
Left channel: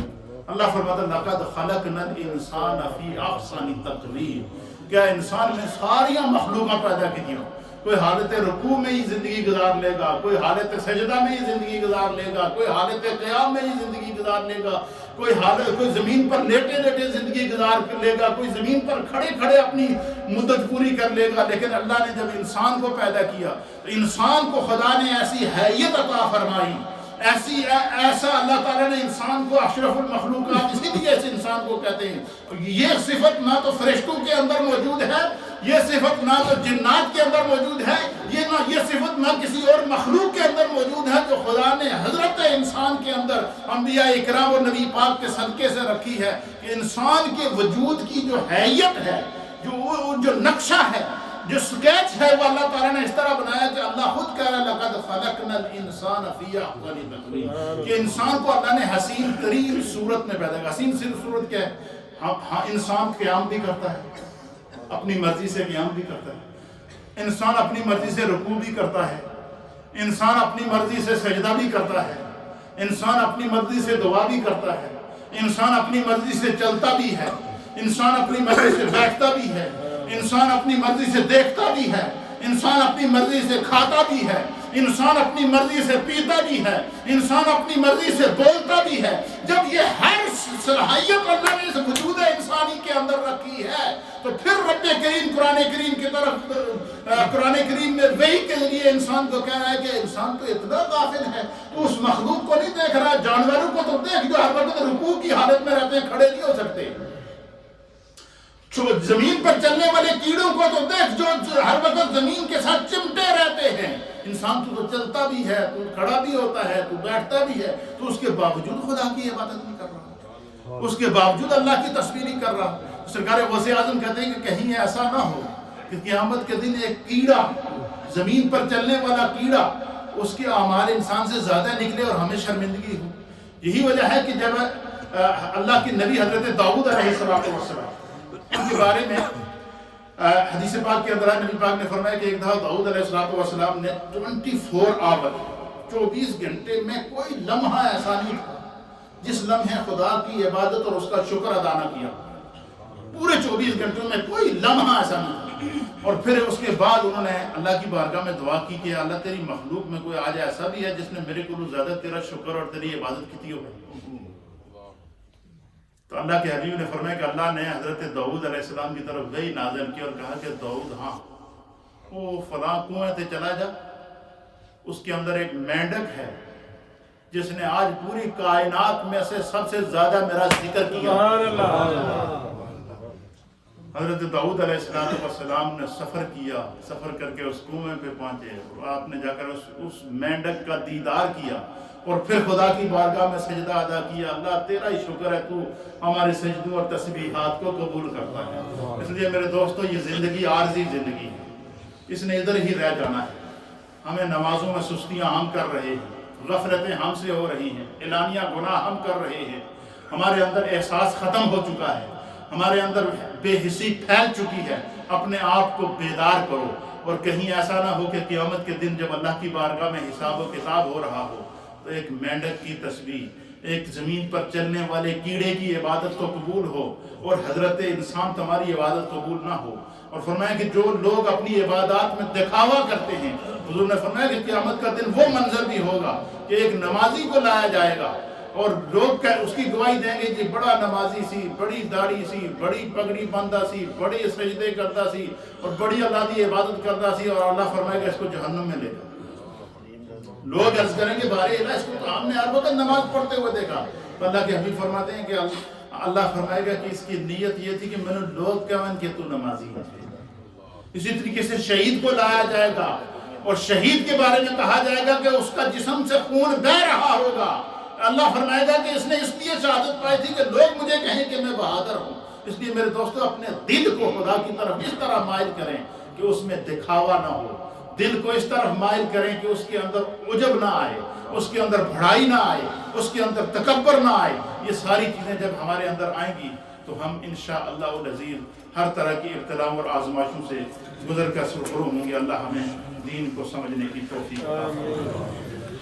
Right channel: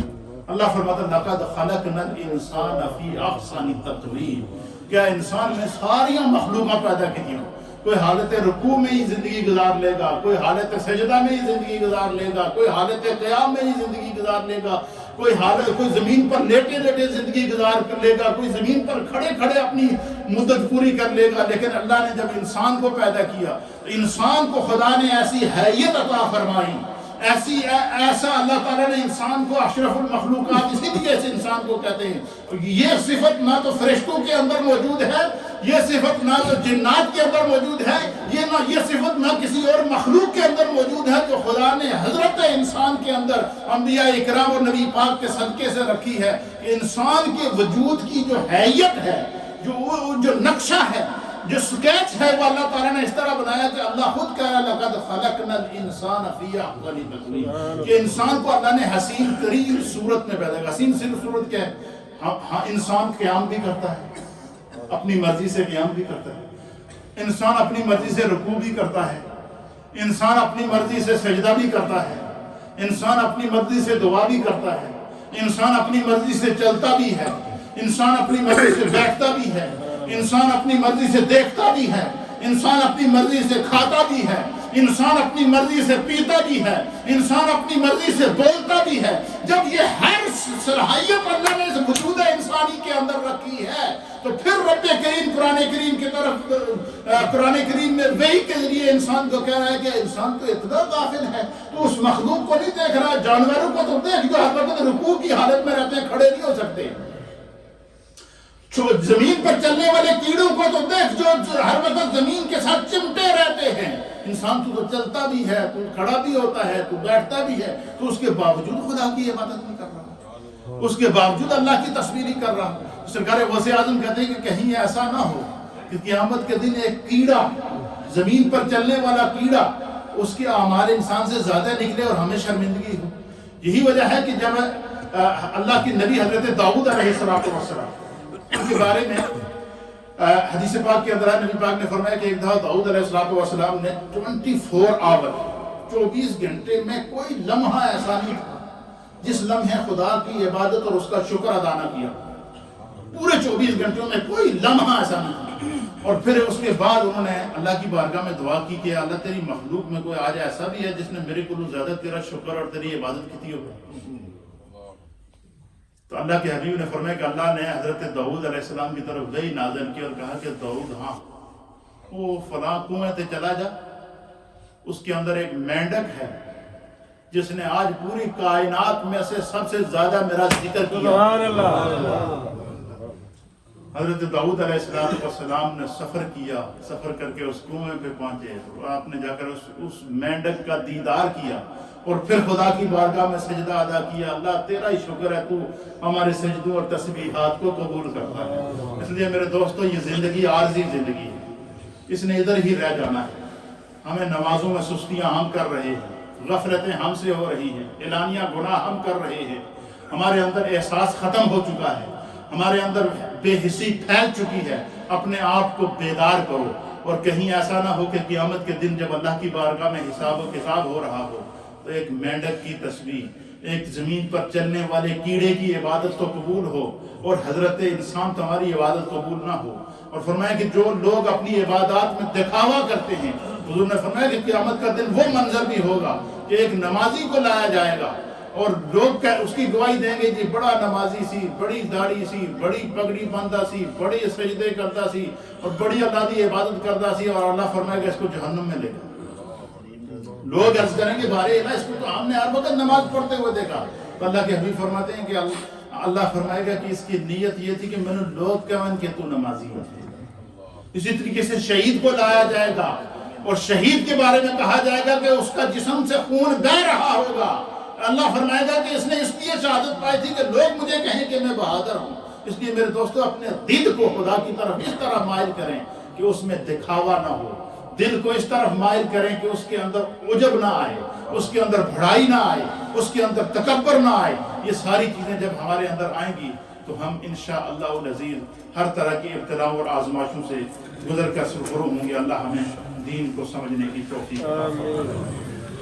اللہ فرماتا ہے لَقَدْ خَلَقْنَا الْإِنسَانَ فِي أَحْسَنِ تَقْوِيمٍ. کیا انسان میں ساری مخلوقات پیدا کی ہیں. کوئی حالت رکوع میں ہی زندگی گزار لے گا، کوئی حالت سجدہ میں ہی زندگی گزار لے گا، کوئی حالت قیام میں ہی زندگی گزار لے گا، کوئی زمین پر لیٹے لیٹے زندگی گزار کر لے گا، کوئی زمین پر کھڑے کھڑے اپنی مدت پوری کر لے گا. لیکن اللہ نے جب انسان کو پیدا کیا تو انسان کو خدا نے ایسی حیت عطا فرمائی، ایسا اللہ تعالیٰ نے انسان کو اشرف المخلوقات، اسی لیے اس انسان کو کہتے ہیں. یہ صفت نہ تو فرشتوں کے اندر موجود ہے، یہ صفت نہ تو جنات کے اندر موجود ہے، یہ صفت نہ کسی اور مخلوق کے اندر موجود ہے، جو خدا نے حضرت انسان کے اندر انبیاء اکرام اور نبی پاک کے صدقے سے رکھی ہے. کہ انسان کے وجود کی جو حیت ہے، جو نقشہ ہے، جو سکیچ ہے، وہ اللہ تعالیٰ نے اس طرح بنایا کہ اللہ خود کہہ رہا ہے لَقَدْ خَلَقْنَا الْإِنسَانَ فِي أَحْسَنِ تَقْوِيمٍ. کہ انسان کو اللہ نے حسین ترین صورت میں پیدا کیا. حسین صرف صورت کیا ہے؟ ہاں انسان قیام بھی کرتا ہے، اپنی مرضی سے قیام بھی کرتا ہے، انسان اپنی مرضی سے رکوع بھی کرتا ہے، انسان اپنی مرضی سے سجدہ بھی کرتا ہے، انسان اپنی مرضی سے دعا بھی کرتا ہے، انسان اپنی مرضی سے چلتا بھی ہے، انسان اپنی مرضی سے بیٹھتا بھی ہے، انسان اپنی مرضی سے دیکھتا بھی ہے، انسان اپنی مرضی سے کھاتا بھی ہے، انسان اپنی مرضی سے پیتا بھی ہے، انسان اپنی مرضی سے بولتا بھی ہے. جب یہ ہر صلاحیت اللہ نے اس وجود انسانی کے اندر رکھی ہے تو پھر رب کریم قرآن کریم کی طرف، قرآن کریم میں وحی کے ذریعے انسان کو کہہ رہا ہے کہ انسان تو اتنا غافل ہے، تو اس مخلوق کو نہیں دیکھ رہا ہے. جانوروں کو تو دیکھ جو ہر وقت رکوع کی حالت میں رہتے ہیں، کھڑے نہیں ہو سکتے. زمین پر چلنے والے کیڑوں کو تو دیکھ جو ہر وقت زمین کے ساتھ چمٹے رہتے ہیں. انسان تو چلتا بھی ہے، تو کھڑا بھی ہوتا ہے، تو بیٹھتا بھی ہے، تو اس کے باوجود خدا کی عبادت نہیں کر رہا، اس کے باوجود اللہ کی تصویر ہی کر رہا. سرکار غوث اعظم کہتے ہیں کہ کہیں ایسا نہ ہو کہ قیامت کے دن ایک کیڑا، زمین پر چلنے والا کیڑا، اس کے اعمال انسان سے زیادہ نکلے اور ہمیں شرمندگی ہو. یہی وجہ ہے کہ جب اللہ کے نبی حضرت داؤد علیہ السلام ان کے بارے میں حدیث پاک کے اندر نبی پاک نے فرمایا کہ ایک دفعہ داؤد علیہ السلام نے 24 گھنٹے میں کوئی لمحہ ایسا نہیں تھا جس لمحے خدا کی عبادت اور اس کا شکر ادا نہ کیا. پورے 24 گھنٹوں میں کوئی لمحہ ایسا نہیں تھا. اور پھر اس کے بعد انہوں نے اللہ کی بارگاہ میں دعا کی کہ اللہ تیری مخلوق میں کوئی آج ایسا بھی ہے جس نے میرے کو زیادہ تیرا شکر اور تیری عبادت کی ہو. تو اللہ کے حبیب نے فرمایا کہ اللہ نے حضرت داؤد علیہ السلام کی طرف وحی نازل کی اور کہا کہ داؤد، ہاں وہ فلاں کنویں تے چلا جا، اس کے اندر ایک مینڈک ہے جس نے آج پوری کائنات میں سے سب سے زیادہ میرا ذکر کیا. حضرت داؤد علیہ السلام نے سفر کیا، سفر کر کے اس کنویں پہ پہنچے اور آپ نے جا کر اس مینڈک کا دیدار کیا اور پھر خدا کی بارگاہ میں سجدہ ادا کیا. اللہ تیرا ہی شکر ہے، تو ہمارے سجدوں اور تسبیحات کو قبول کرتا ہے. اس لیے میرے دوستو، یہ زندگی عارضی زندگی ہے، اس نے ادھر ہی رہ جانا ہے. ہمیں نمازوں میں سستیاں ہم کر رہے ہیں، غفلتیں ہم سے ہو رہی ہیں، اعلانیہ گناہ ہم کر رہے ہیں، ہمارے اندر احساس ختم ہو چکا ہے، ہمارے اندر بے حسی پھیل چکی ہے. اپنے آپ کو بیدار کرو اور کہیں ایسا نہ ہو کہ قیامت کے دن جب اللہ کی بارگاہ میں حساب و کتاب ہو رہا ہو تو ایک مینڈک کی تسبیح، ایک زمین پر چلنے والے کیڑے کی عبادت تو قبول ہو اور حضرت انسان تمہاری عبادت قبول نہ ہو۔ اور فرمایا کہ جو لوگ اپنی عبادات میں دکھاوا کرتے ہیں، حضور نے فرمایا کہ قیامت کا دن وہ منظر بھی ہوگا کہ ایک نمازی کو لایا جائے گا اور لوگ اس کی گواہی دیں گے کہ بڑا نمازی سی، بڑی داڑھی سی، بڑی پگڑی باندھا سی، بڑے سجدے کرتا سی اور بڑی اللہ کی عبادت کرتا سی، اور اللہ فرمائے گا اس کو جہنم میں لے جا۔ لوگ عرض کریں گے بارے اللہ، اس کو تو ہم نے ہر وقت نماز پڑھتے ہوئے دیکھا، تو اللہ کے حبیب فرماتے ہیں کہ اللہ فرمائے گا کہ اس کی نیت یہ تھی کہ میں نے لوگ کہن کہ تو نمازی ہے۔ اسی طریقے سے شہید کو لایا جائے گا اور شہید کے بارے میں کہا جائے گا کہ اس کا جسم سے خون بہہ رہا ہوگا۔ اللہ فرمائے گا کہ اس نے اس لیے شہادت پائی تھی کہ لوگ مجھے کہیں کہ میں بہادر ہوں۔ اس لیے میرے دوستو اپنے دل کو خدا کی طرف اس طرح مائل کریں کہ اس میں دکھاوا نہ ہو، دل کو اس طرف مائل کریں کہ اس کے اندر عجب نہ آئے، اس کے اندر بڑائی نہ آئے، اس کے اندر تکبر نہ آئے۔ یہ ساری چیزیں جب ہمارے اندر آئیں گی تو ہم انشاءاللہ العزیز ہر طرح کی ابتلاؤں اور آزمائشوں سے گزر کر سرخرو ہوں گے۔ اللہ ہمیں دین کو سمجھنے کی توفیق عطا فرمائے۔